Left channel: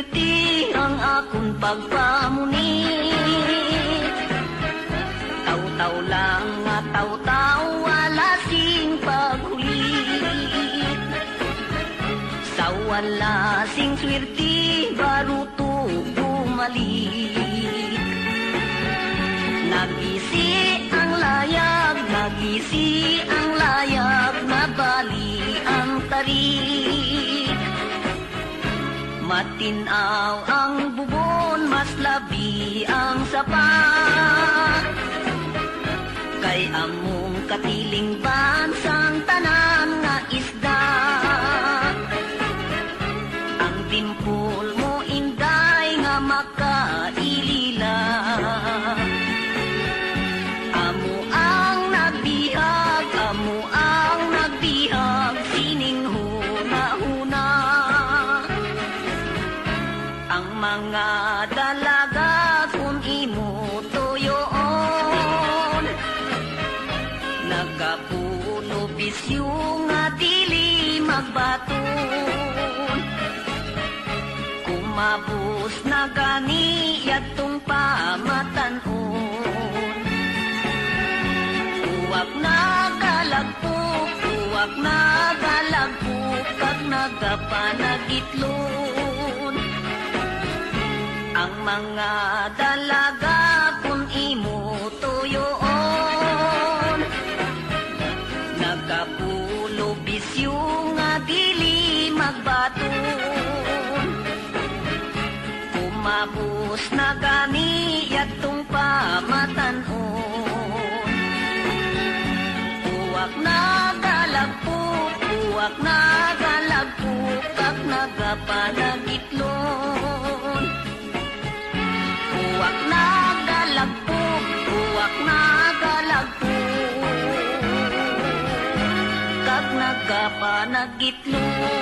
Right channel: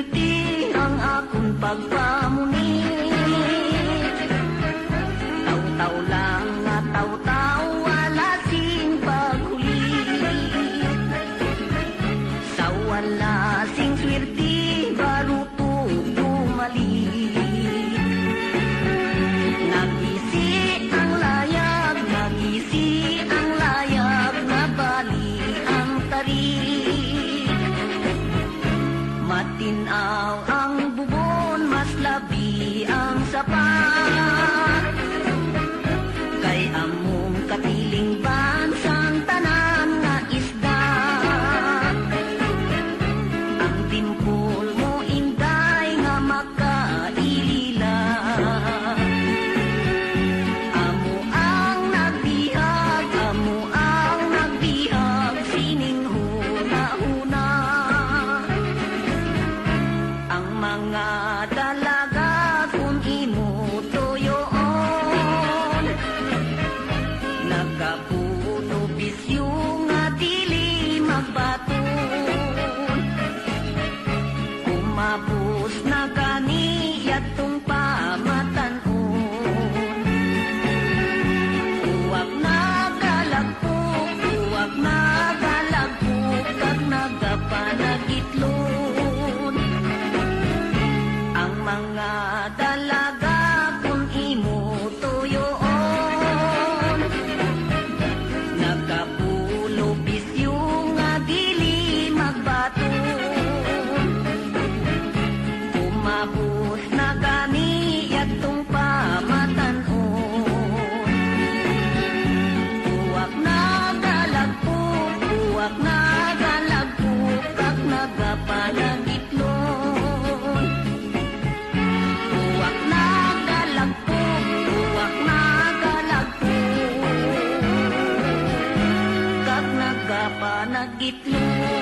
swerte ang akong pagpamuni Taw-taw lang nga taw-taw wala sing paghuli Sa wala sing swerte baruto bumalik Kay among katiling bansang tanan nga isda. Ang timpol mo inday nga makaila. Amo ang nagbihag, amo ang nagbihag Sining huna-huna ang mga dalaga Kumabos na gani yatong pamatanon Uwag na galagpok, uwag na galagpok Kag nagapanagitlon. Ang mga Kag nagapanagitlon